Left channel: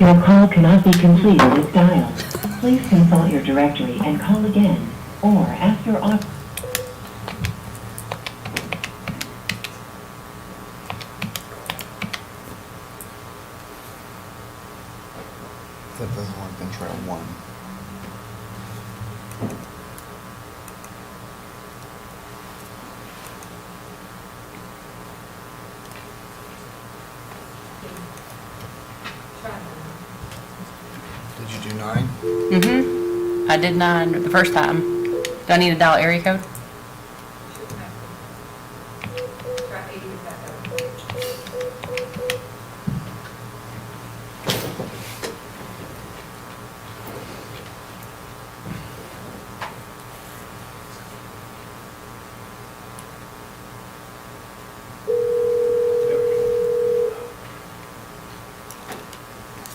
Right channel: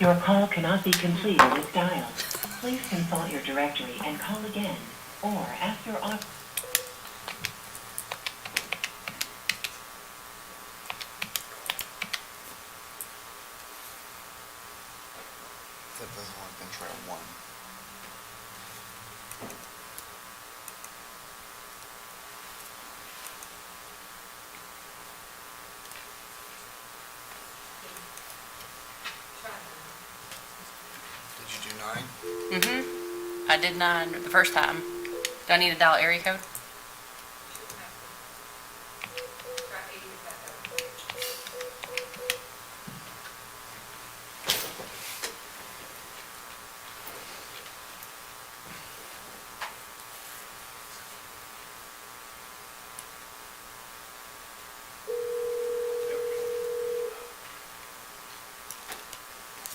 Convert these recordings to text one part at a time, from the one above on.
Your call cannot be completed as dialed. Please consult your directory and call again, or after op- That doesn't work, then try 1. Did you do 9? Mm-hmm. I did 9 the first time. Do I need to dial area code?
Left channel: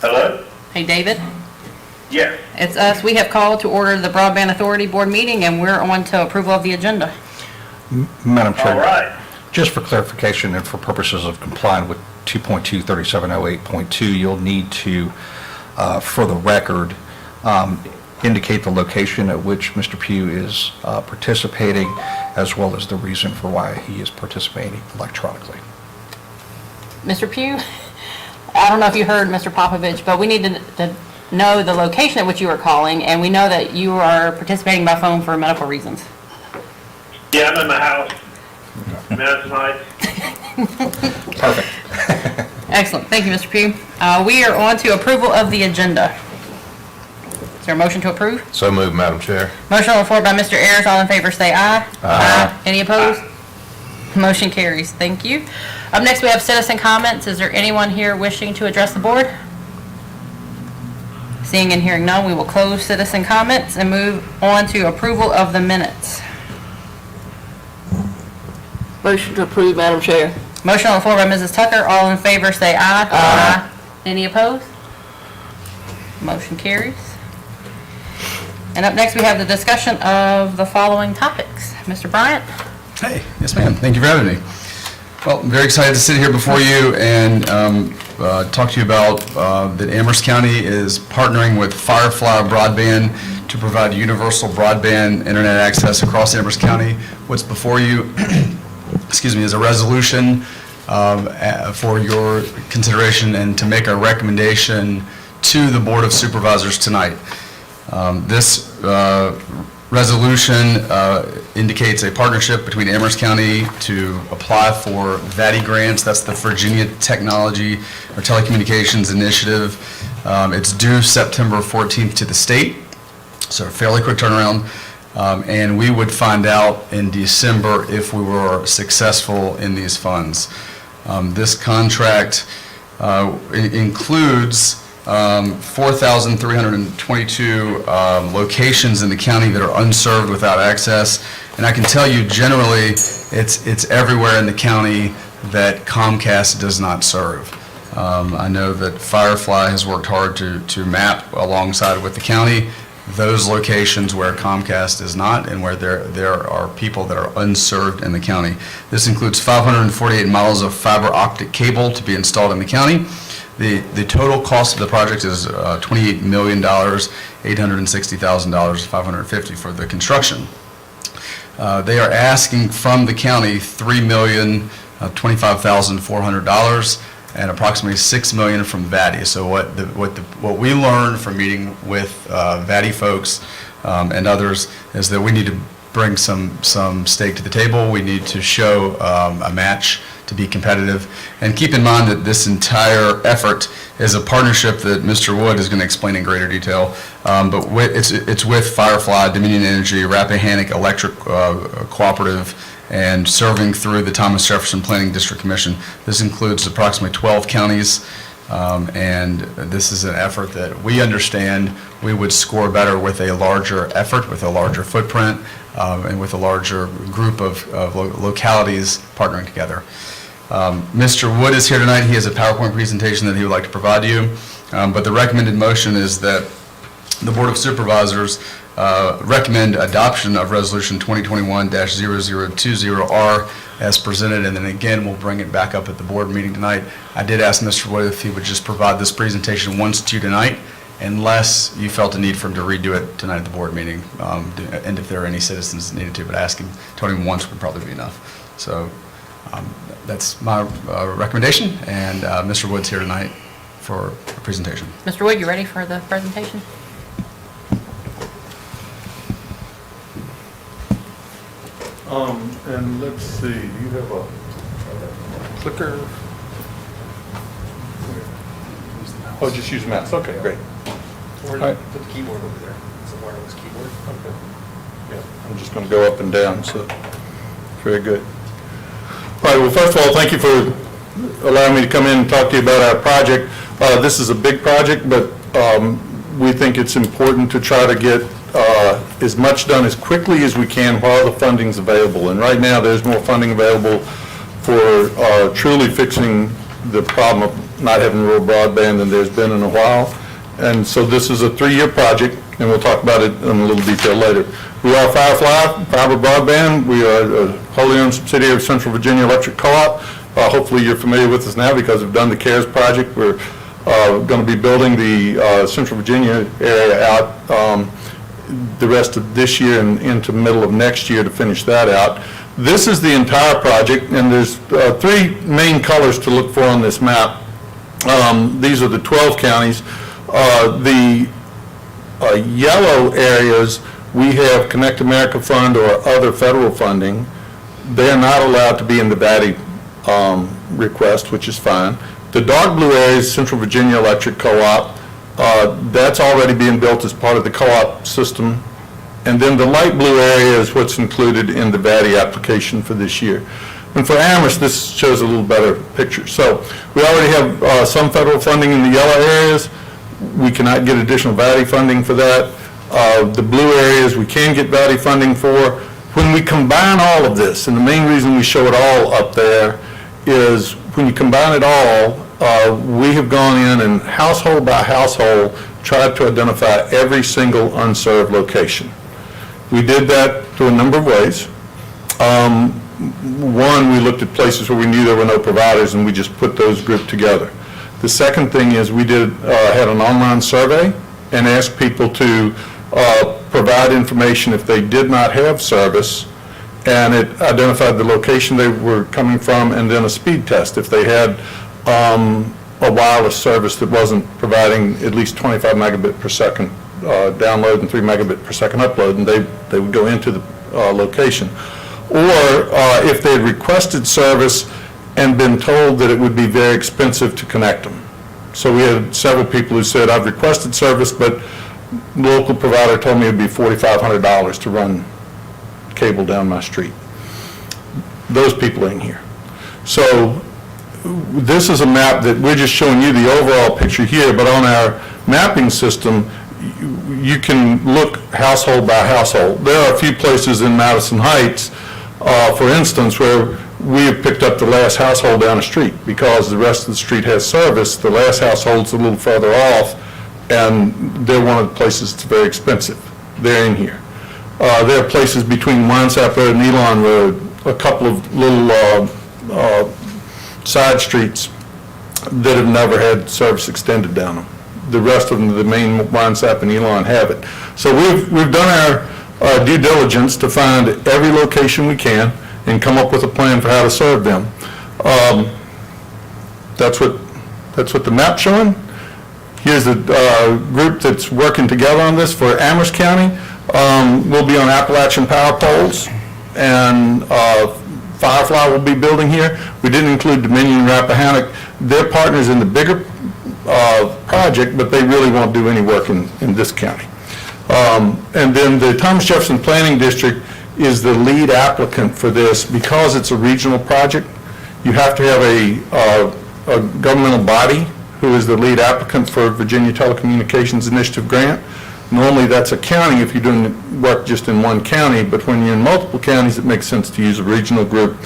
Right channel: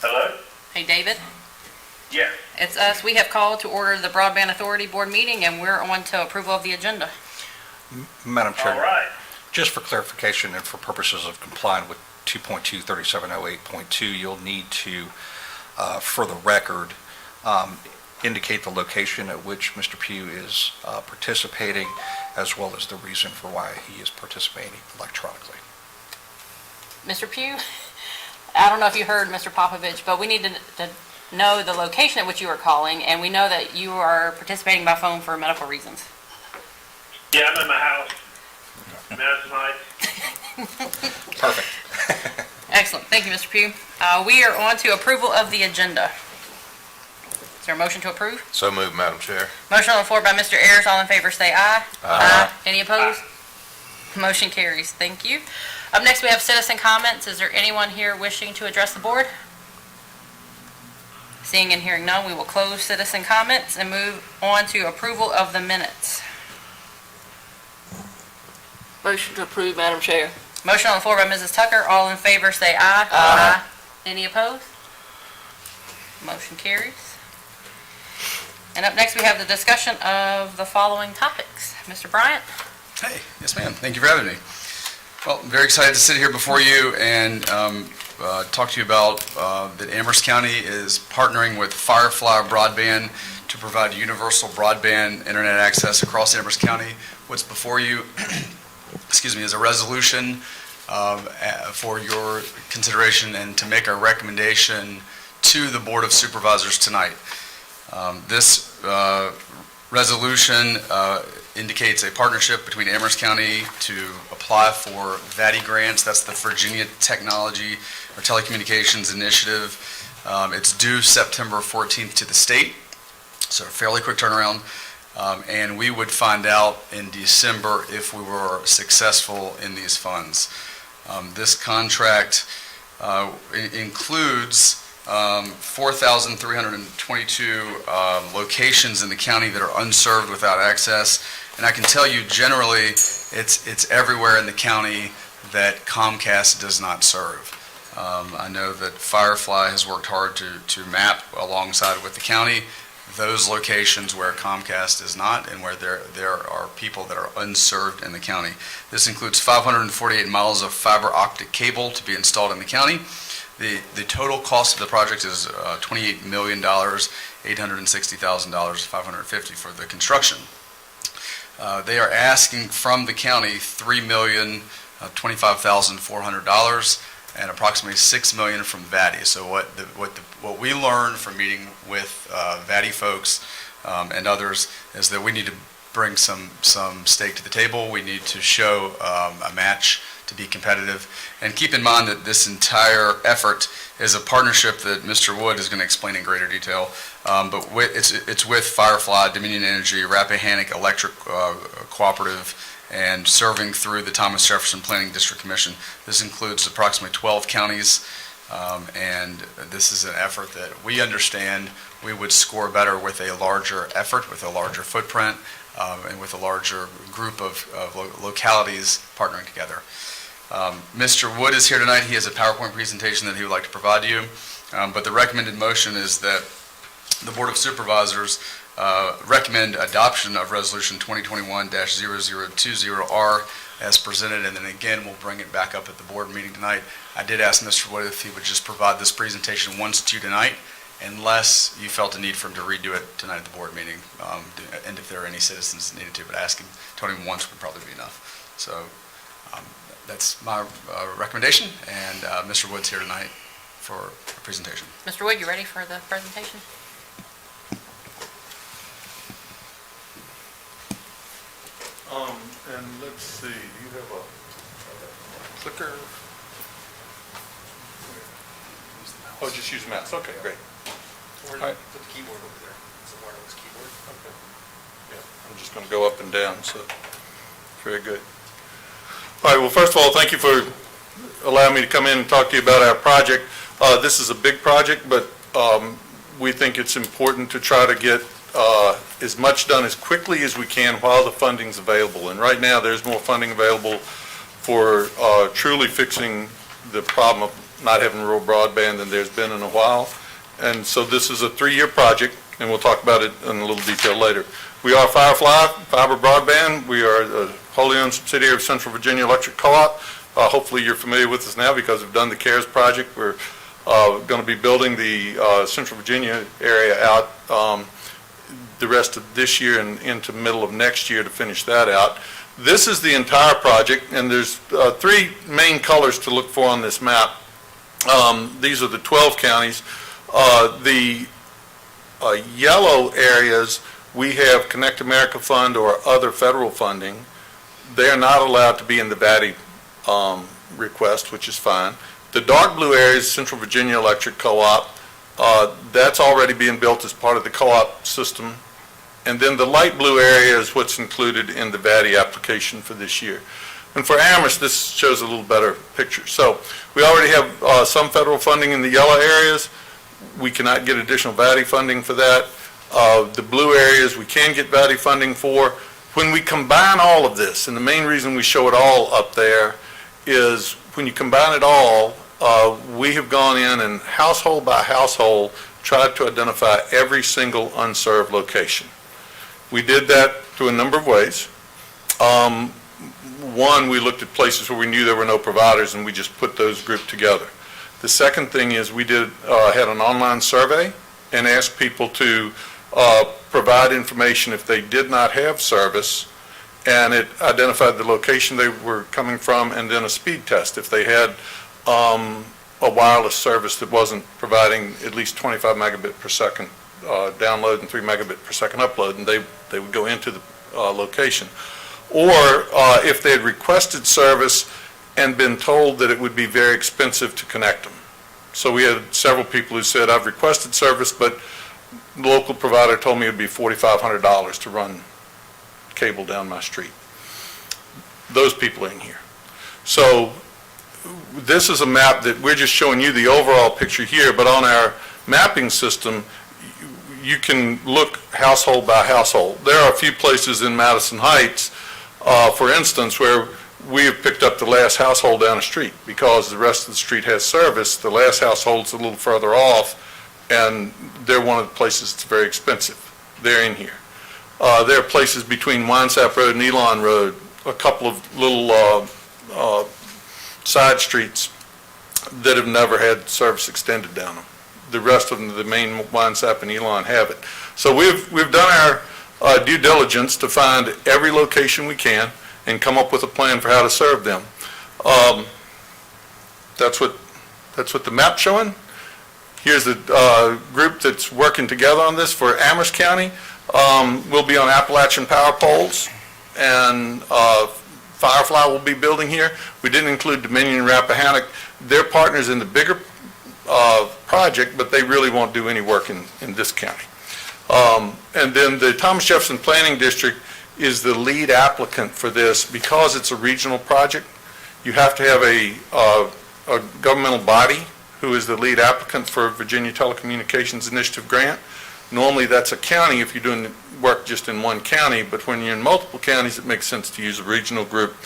Hello? Hey, David. Yes. It's us. We have called to order the Broadband Authority Board meeting, and we're on to approval of the agenda. Madam Chair. All right. Just for clarification and for purposes of complying with 2.23708.2, you'll need to, for the record, indicate the location at which Mr. Pugh is participating, as well as the reason for why he is participating electronically. Mr. Pugh, I don't know if you heard Mr. Popovich, but we need to know the location at which you are calling, and we know that you are participating by phone for medical reasons. Yeah, I'm in my house. Madison Heights. Perfect. Excellent. Thank you, Mr. Pugh. We are on to approval of the agenda. Is there a motion to approve? So moved, Madam Chair. Motion on the floor by Mr. Ayers. All in favor say aye. Aye. Any opposed? Motion carries. Thank you. Up next, we have citizen comments. Is there anyone here wishing to address the board? Seeing and hearing none, we will close citizen comments and move on to approval of the minutes. Motion to approve, Madam Chair. Motion on the floor by Mrs. Tucker. All in favor say aye. Aye. Any opposed? Motion carries. And up next, we have the discussion of the following topics. Mr. Bryant? Hey, yes ma'am, thank you for having me. Well, I'm very excited to sit here before you and talk to you about that Amherst County is partnering with Firefly Broadband to provide universal broadband internet access across Amherst County. What's before you, excuse me, is a resolution for your consideration and to make a recommendation to the Board of Supervisors tonight. This resolution indicates a partnership between Amherst County to apply for VATI grants. That's the Virginia Technology or Telecommunications Initiative. It's due September 14th to the state, so a fairly quick turnaround. And we would find out in December if we were successful in these funds. This contract includes 4,322 locations in the county that are unserved without access. And I can tell you generally, it's everywhere in the county that Comcast does not serve. I know that Firefly has worked hard to map alongside with the county those locations where Comcast is not and where there are people that are unserved in the county. This includes 548 miles of fiber optic cable to be installed in the county. The total cost of the project is $28 million, $860,000, $550 for the construction. They are asking from the county $3,025,400 and approximately $6 million from VATI. So what we learned from meeting with VATI folks and others is that we need to bring some stake to the table. We need to show a match to be competitive. And keep in mind that this entire effort is a partnership that Mr. Wood is going to explain in greater detail. But it's with Firefly, Dominion Energy, Rappahannock Electric Cooperative, and serving through the Thomas Jefferson Planning District Commission. This includes approximately 12 counties. And this is an effort that we understand we would score better with a larger effort, with a larger footprint, and with a larger group of localities partnering together. Mr. Wood is here tonight. He has a PowerPoint presentation that he would like to provide you. But the recommended motion is that the Board of Supervisors recommend adoption of Resolution 2021-0020R as presented, and then again, we'll bring it back up at the board meeting tonight. I did ask Mr. Wood if he would just provide this presentation once to you tonight, unless you felt a need for him to redo it tonight at the board meeting, and if there are any citizens that needed to, but asking, telling him once would probably be enough. So that's my recommendation, and Mr. Wood's here tonight for a presentation. Mr. Wood, you ready for the presentation? And let's see, you have a clicker? Oh, just use mouse, okay, great. Or All right. put the keyboard over there. It's a wireless keyboard. Okay. Yeah, I'm just going to go up and down, so, very good. All right, well, first of all, thank you for allowing me to come in and talk to you about our project. This is a big project, but we think it's important to try to get as much done as quickly as we can while the funding's available. And right now, there's more funding available for truly fixing the problem of not having rural broadband than there's been in a while. And so this is a 3-year project, and we'll talk about it in a little detail later. We are Firefly Fiber Broadband. We are a wholly owned subsidiary of Central Virginia Electric Co-op. Hopefully you're familiar with us now because we've done the CARES project. We're going to be building the Central Virginia area out the rest of this year and into middle of next year to finish that out. This is the entire project, and there's 3 main colors to look for on this map. These are the 12 counties. The yellow areas, we have Connect America Fund or other federal funding. They are not allowed to be in the VATI request, which is fine. The dark blue areas, Central Virginia Electric Co-op, that's already being built as part of the co-op system. And then the light blue area is what's included in the VATI application for this year. And for Amherst, this shows a little better picture. So we already have some federal funding in the yellow areas. We cannot get additional VATI funding for that. The blue areas we can get VATI funding for. When we combine all of this, and the main reason we show it all up there is when you combine it all, we have gone in and household by household tried to identify every single unserved location. We did that through a number of ways. One, we looked at places where we knew there were no providers, and we just put those grouped together. The second thing is we had an online survey and asked people to provide information if they did not have service, and it identified the location they were coming from and then a speed test. If they had a wireless service that wasn't providing at least 25 megabit per second download and 3 megabit per second upload, and they would go into the location. Or if they had requested service and been told that it would be very expensive to connect them. So we had several people who said, I've requested service, but the local provider told me it would be $4,500 to run cable down my street. Those people are in here. So this is a map that we're just showing you the overall picture here, but on our mapping system, you can look household by household. There are a few places in Madison Heights, for instance, where we have picked up the last household down the street because the rest of the street has service. The last household's a little further off, and they're one of the places that's very expensive. They're in here. There are places between Winesap Road and Elon Road, a couple of little side streets that have never had service extended down them. The rest of them, the main Winesap and Elon, have it. So we've done our due diligence to find every location we can and come up with a plan for how to serve them. That's what the map's showing. Here's the group that's working together on this for Amherst County. We'll be on Appalachian power poles, and Firefly will be building here. We didn't include Dominion and Rappahannock. They're partners in the bigger project, but they really won't do any work in this county. And then the Thomas Jefferson Planning District is the lead applicant for this. Because it's a regional project, you have to have a governmental body who is the lead applicant for Virginia Telecommunications Initiative grant. Normally that's a county if you're doing work just in one county, but when you're in multiple counties, it makes sense to use a regional group.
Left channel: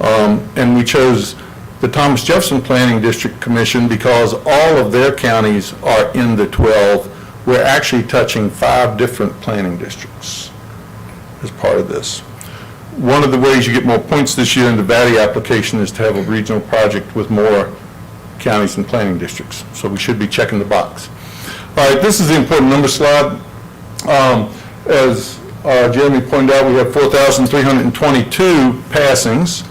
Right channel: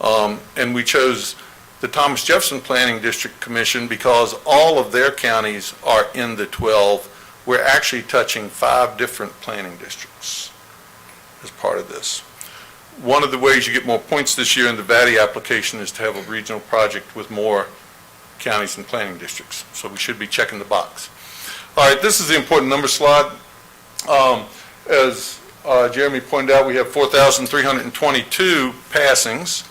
And we chose the Thomas Jefferson Planning District Commission because all of their counties are in the 12 we're actually touching 5 different planning districts as part of this. One of the ways you get more points this year in the VATI application is to have a regional project with more counties and planning districts. So we should be checking the box. All right, this is the important number slide. As Jeremy pointed out, we have 4,322 passings.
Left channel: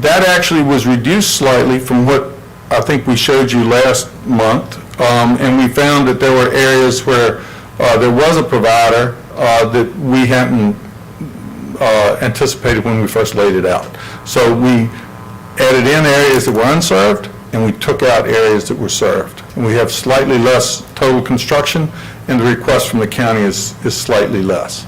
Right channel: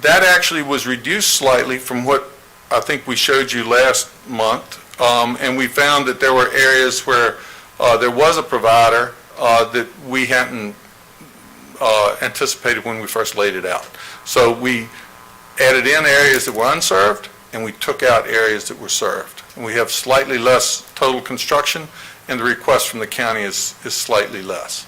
That actually was reduced slightly from what I think we showed you last month. And we found that there were areas where there was a provider that we hadn't anticipated when we first laid it out. So we added in areas that were unserved, and we took out areas that were served. And we have slightly less total construction, and the request from the county is slightly less.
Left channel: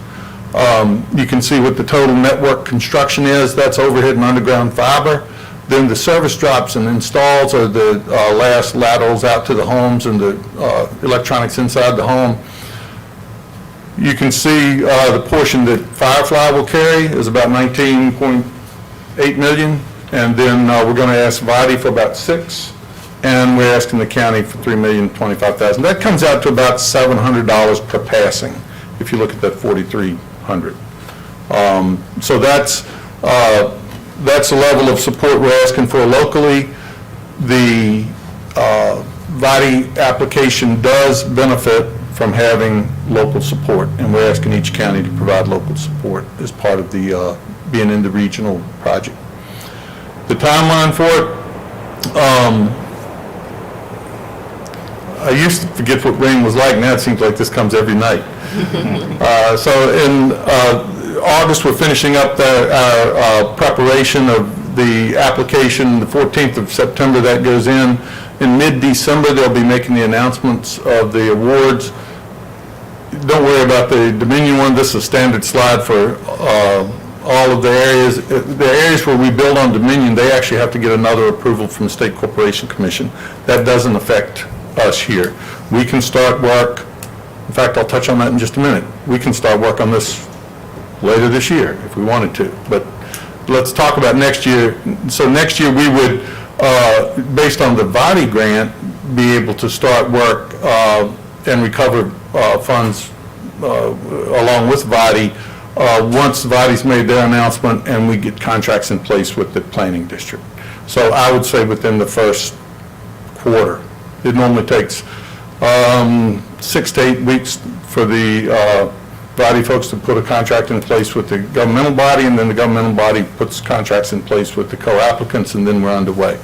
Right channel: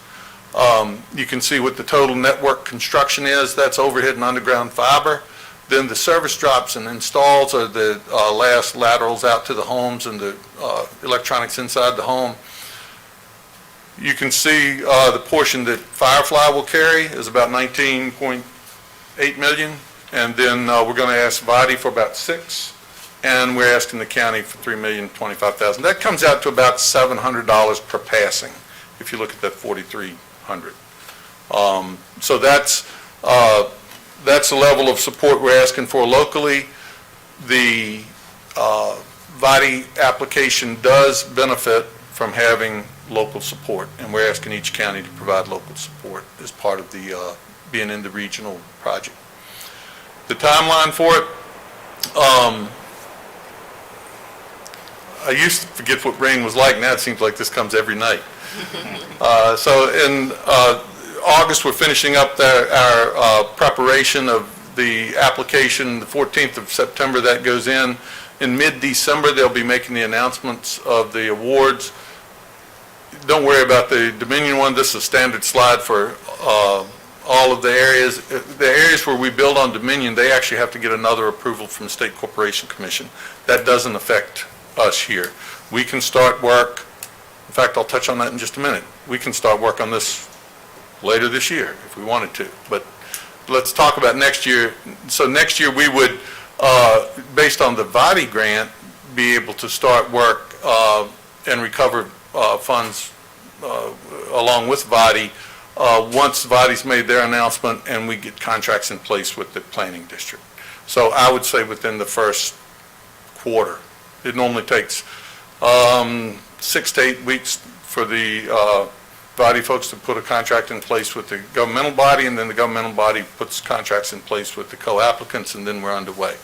You can see what the total network construction is. That's overhead and underground fiber. Then the service drops and installs are the last laterals out to the homes and the electronics inside the home. You can see the portion that Firefly will carry is about 19.8 million, and then we're going to ask VATI for about 6, and we're asking the county for $3,025,000. That comes out to about $700 per passing, if you look at that 4,300. So that's the level of support we're asking for locally. The VATI application does benefit from having local support, and we're asking each county to provide local support as part of the being in the regional project. The timeline for it, I used to forget what rain was like. Now it seems like this comes every night. So in August, we're finishing up our preparation of the application. The 14th of September, that goes in. In mid-December, they'll be making the announcements of the awards. Don't worry about the Dominion one. This is a standard slide for all of the areas. The areas where we build on Dominion, they actually have to get another approval from the State Corporation Commission. That doesn't affect us here. We can start work. In fact, I'll touch on that in just a minute. We can start work on this later this year if we wanted to. But let's talk about next year. So next year we would, based on the VATI grant, be able to start work and recover funds along with VATI once VATI's made their announcement and we get contracts in place with the planning district. So I would say within the first quarter. It normally takes 6 to 8 weeks for the VATI folks to put a contract in place with the governmental body, and then the governmental body puts contracts in place with the co-applicants, and then we're underway.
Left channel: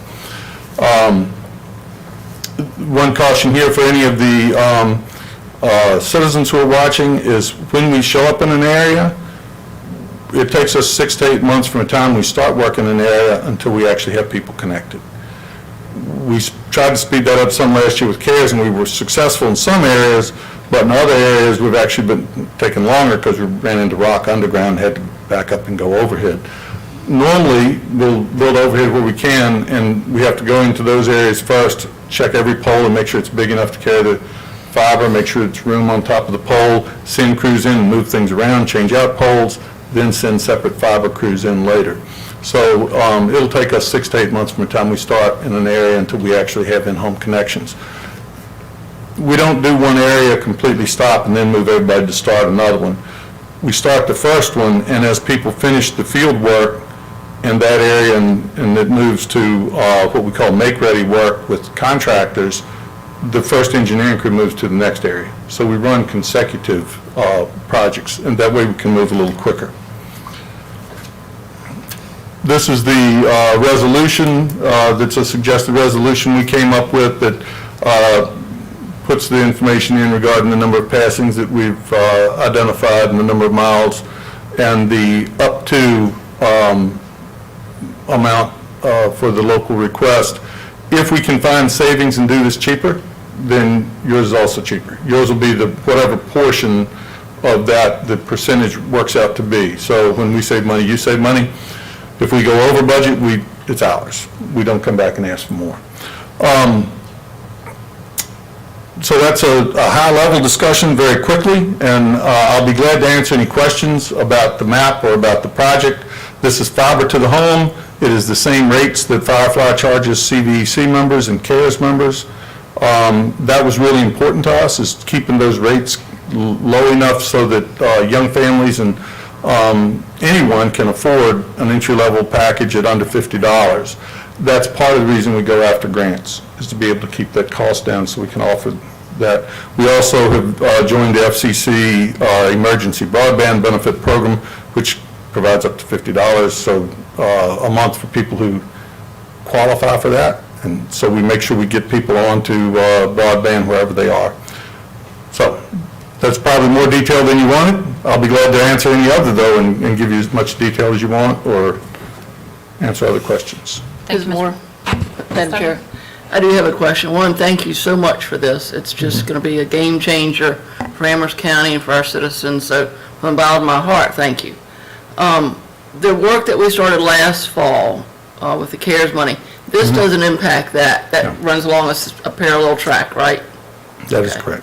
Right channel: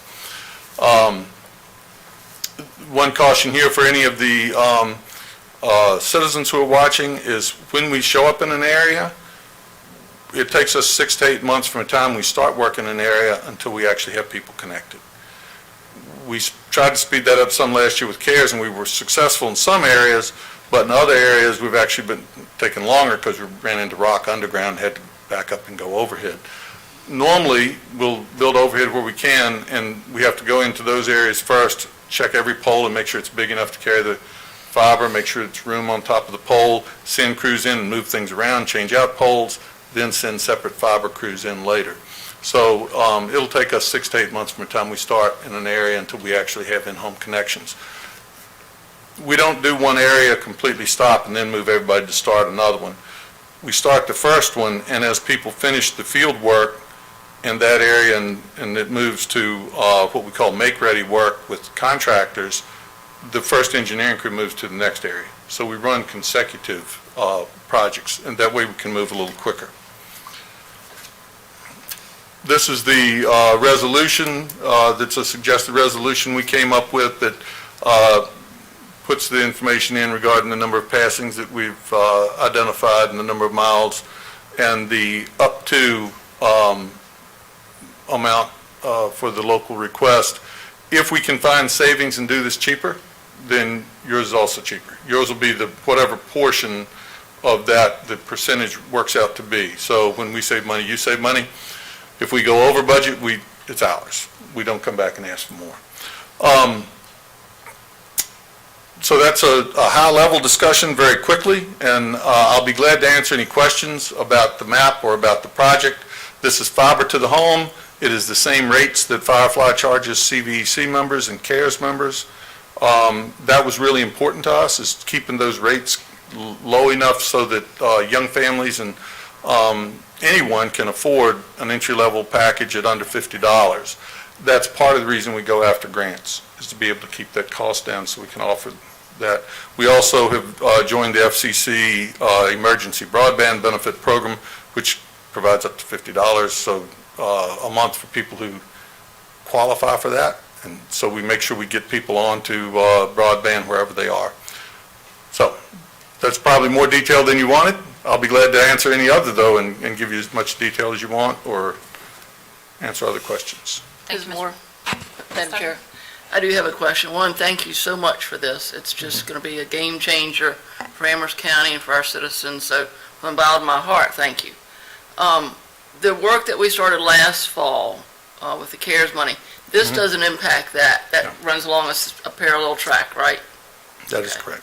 One caution here for any of the citizens who are watching is when we show up in an area, it takes us 6 to 8 months from the time we start working in an area until we actually have people connected. We tried to speed that up some last year with CARES, and we were successful in some areas, but in other areas we've actually been taking longer because we ran into rock underground, had to back up and go overhead. Normally, we'll build overhead where we can, and we have to go into those areas first, check every pole and make sure it's big enough to carry the fiber, make sure it's room on top of the pole, send crews in and move things around, change out poles, then send separate fiber crews in later. So it'll take us 6 to 8 months from the time we start in an area until we actually have in-home connections. We don't do one area, completely stop, and then move everybody to start another one. We start the first one, and as people finish the field work in that area and it moves to what we call make-ready work with contractors, the first engineering crew moves to the next area. So we run consecutive projects, and that way we can move a little quicker. This is the resolution, that's a suggested resolution we came up with that puts the information in regarding the number of passings that we've identified and the number of miles and the up to amount for the local request. If we can find savings and do this cheaper, then yours is also cheaper. Yours will be the whatever portion of that the percentage works out to be. So when we save money, you save money. If we go over budget, it's ours. We don't come back and ask for more. So that's a high-level discussion very quickly, and I'll be glad to answer any questions about the map or about the project. This is fiber to the home. It is the same rates that Firefly charges CVEC members and CARES members. That was really important to us, is keeping those rates low enough so that young families and anyone can afford an entry-level package at under $50. That's part of the reason we go after grants, is to be able to keep that cost down so we can offer that. We also have joined the FCC Emergency Broadband Benefit Program, which provides up to $50 so a month for people who qualify for that. And so we make sure we get people onto broadband wherever they are. So that's probably more detail than you wanted. I'll be glad to answer any other, though, and give you as much detail as you want, or answer other questions. Thank you, Ms. Mr. Moore? Madam Tucker? Chair, I do have a question. One, thank you so much for this. It's just going to be a game changer for Amherst County and for our citizens, so from the bottom of my heart, thank you. The work that we started last fall with the CARES money, this doesn't impact that. That No. runs along a parallel track, right? That is Okay. correct.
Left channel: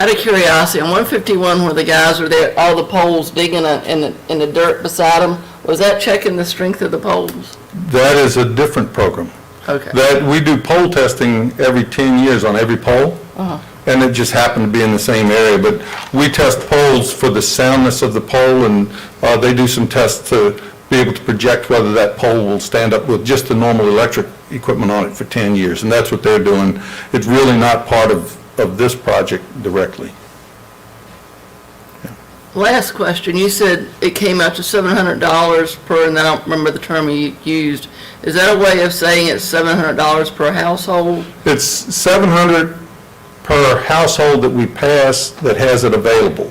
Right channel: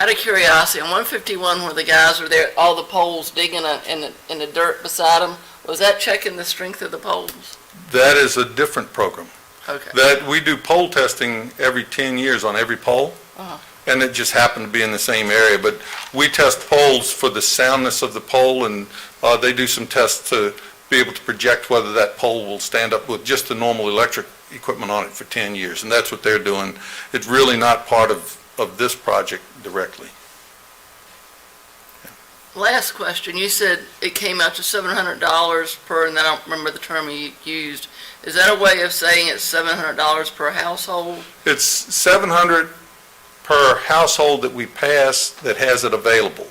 Out of curiosity, on 151, where the guys are there, all the poles digging in the dirt beside them, was that checking the strength of the poles? That is a different program. Okay. That, we do pole testing every 10 years on every pole, and it just happened to be in the same area. But we test poles for the soundness of the pole, and they do some tests to be able to project whether that pole will stand up with just the normal electric equipment on it for 10 years, and that's what they're doing. It's really not part of this project directly. Last question, you said it came out to $700 per, and I don't remember the term you used. Is that a way of saying it's $700 per household? It's $700 per household that we pass that has it available.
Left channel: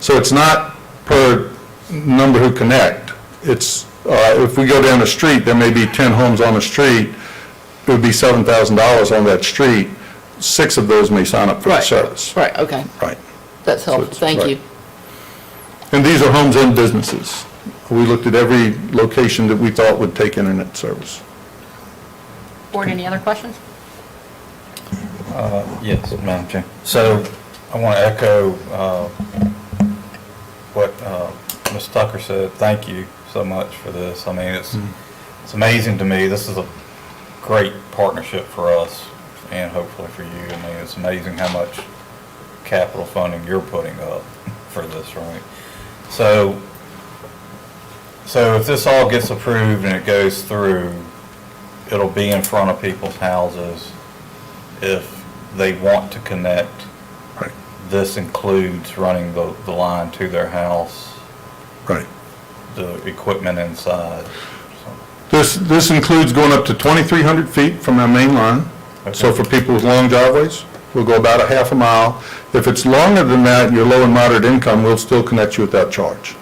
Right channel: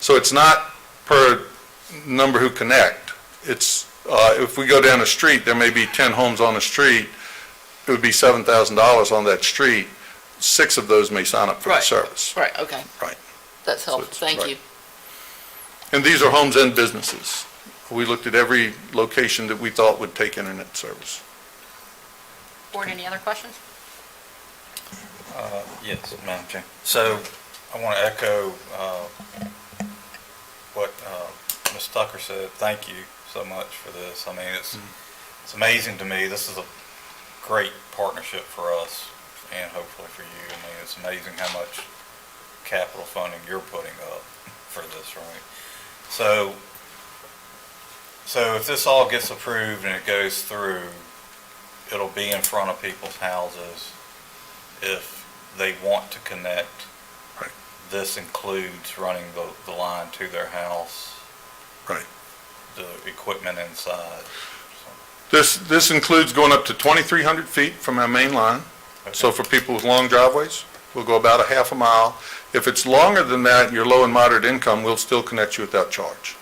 So it's not per number who connect. It's, if we go down the street, there may be 10 homes on the street, it would be $7,000 on that street. 6 of those may sign up for the Right. service. Right, okay, Right. that's So helpful, it's- thank right. you. And these are homes and businesses. We looked at every location that we thought would take internet service. Board, any other questions? Yes, Madam Chair. So I want to echo what Ms. Tucker said. Thank you so much for this. I mean, it's amazing to me. This is a great partnership for us and hopefully for you. I mean, it's amazing how much capital funding you're putting up for this, right? So if this all gets approved and it goes through, it'll be in front of people's houses if they want to connect. Right. This includes running the line to their house, Right. the equipment inside. So, This includes going up to 2,300 feet from our main line. So Okay. for people with long driveways, we'll go about a half a mile. If it's longer than that, you're low and moderate income, we'll still connect you without charge.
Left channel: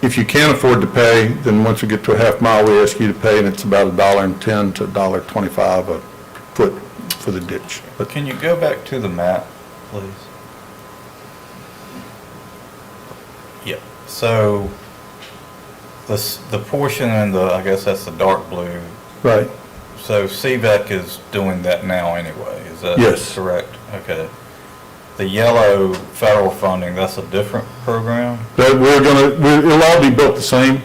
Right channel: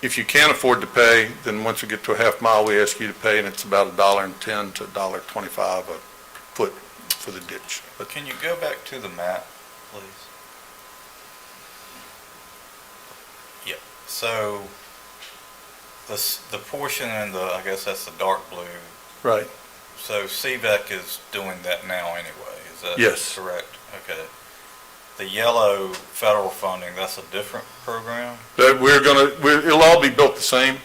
If you can't afford to pay, then once we get to a half mile, we ask you to pay, and it's about $1.10 to $1.25 a foot for the ditch. But can you go back to the map, please? Yeah, so the portion in the, I guess that's the dark blue. Right. So CVEC is doing that now anyway, is that Yes. correct? Okay. The yellow federal funding, that's a different program? That it'll all be built the same.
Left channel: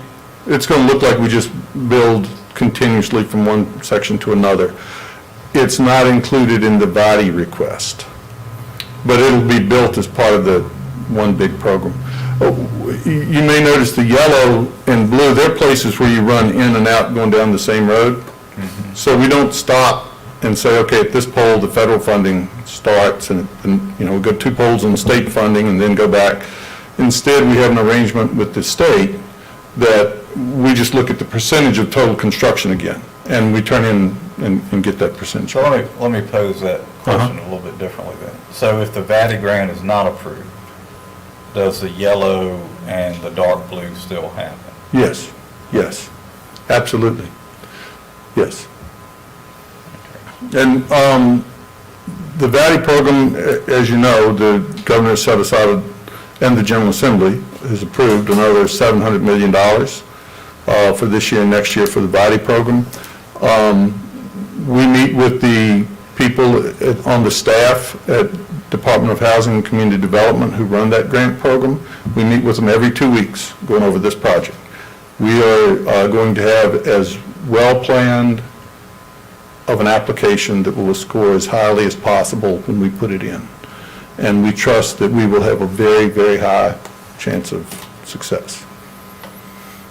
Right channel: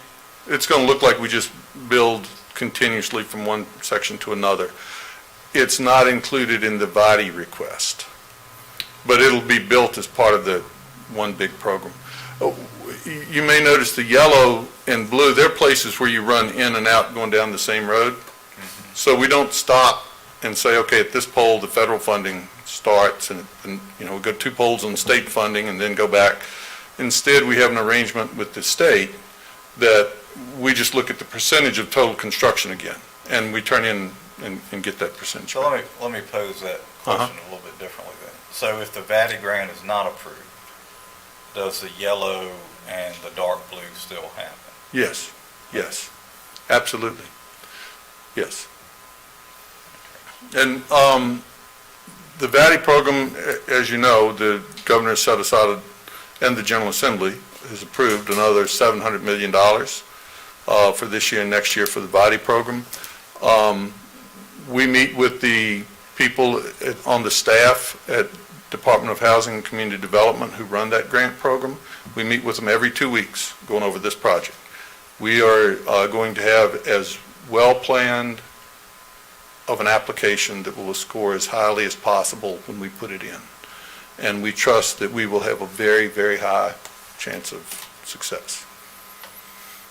It's gonna look like we just build continuously from one section to another. It's not included in the body request, but it'll be built as part of the one big program. You may notice the yellow and blue, they're places where you run in and out going down the same road. So we don't stop and say, okay, at this pole, the federal funding starts, and we go 2 poles in state funding and then go back. Instead, we have an arrangement with the state that we just look at the percentage of total construction again, and we turn in and get that percentage. So let me pose that question a little bit differently then. So if the VATI grant is not approved, does the yellow and the dark blue still happen? Yes, absolutely, yes. And the VATI program, as you know, the governor set aside, and the General Assembly has approved another $700 million for this year and next year for the VATI program. We meet with the people on the staff at Department of Housing and Community Development who run that grant program. We meet with them every 2 weeks going over this project. We are going to have as well-planned of an application that will score as highly as possible when we put it in. And we trust that we will have a very, very high chance of success.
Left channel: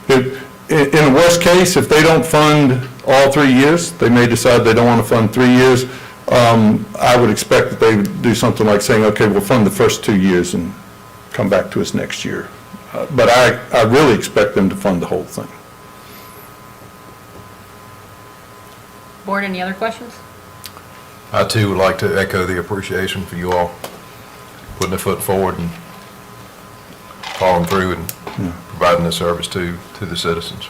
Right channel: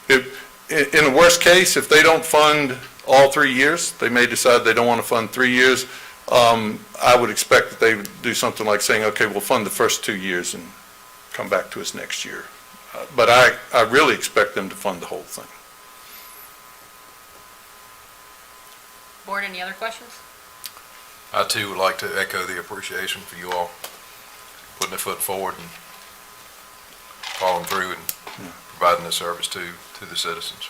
In the worst case, if they don't fund all 3 years, they may decide they don't want to fund 3 years. I would expect that they would do something like saying, okay, we'll fund the first 2 years and come back to us next year. But I really expect them to fund the whole thing. Board, any other questions? I too would like to echo the appreciation for you all putting a foot forward and following through and providing this service to the citizens.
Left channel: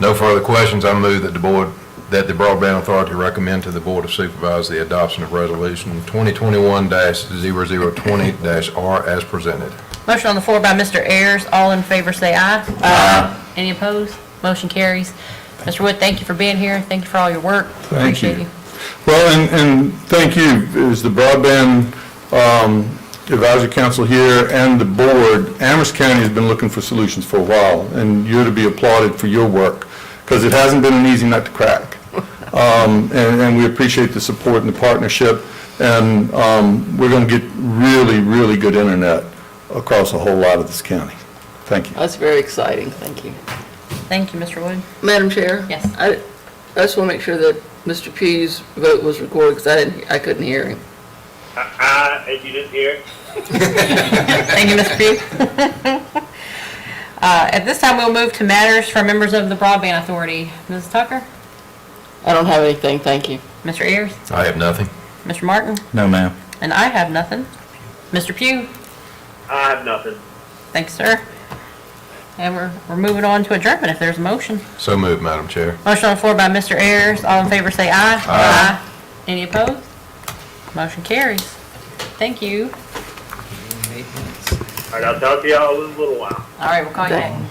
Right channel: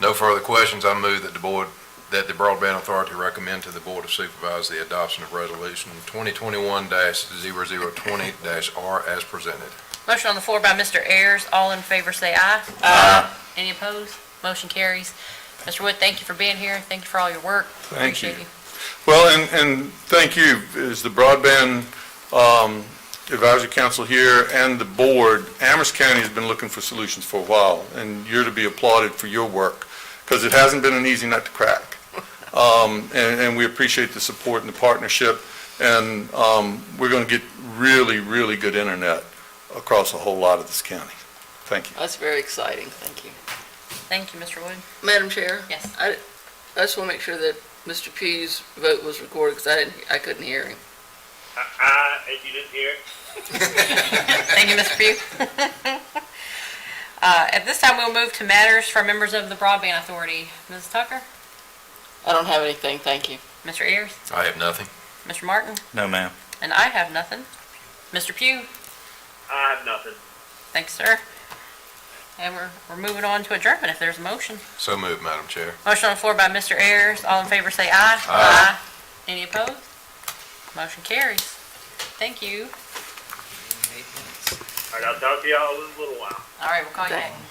No further questions. I move that the Broadband Authority recommend to the Board of Supervisors the adoption of Resolution 2021-0020-R as presented. Motion on the floor by Mr. Ayers. All in favor say aye. Aye. Any opposed? Motion carries. Mr. Wood, thank you for being here. Thank you for all your work. Thank you. Appreciate you. Well, and thank you, as the Broadband Advisory Council here and the board. Amherst County has been looking for solutions for a while, and you're to be applauded for your work, because it hasn't been an easy nut to crack. And we appreciate the support and the partnership, and we're going to get really, really good internet across a whole lot of this county. Thank you. That's very exciting, thank you. Thank you, Mr. Wood. Madam Chair? Yes. I just want to make sure that Mr. Pugh's vote was recorded, because I couldn't hear him. And you didn't hear it? Thank you, Mr. Pugh. At this time, we'll move to matters from members of the Broadband Authority. Ms. Tucker? I don't have anything, thank you. Mr. Ayers? I have nothing. Mr. Martin? No, ma'am. And I have nothing. Mr. Pugh? I have nothing. Thank you, sir. And we're moving on to adjournment if there's a motion. So moved, Madam Chair. Motion on the floor by Mr. Ayers. All in favor say aye. Aye. Any opposed? Motion carries. Thank you. All right, I'll talk to y'all in a little while. All right, we'll call you Thank- back.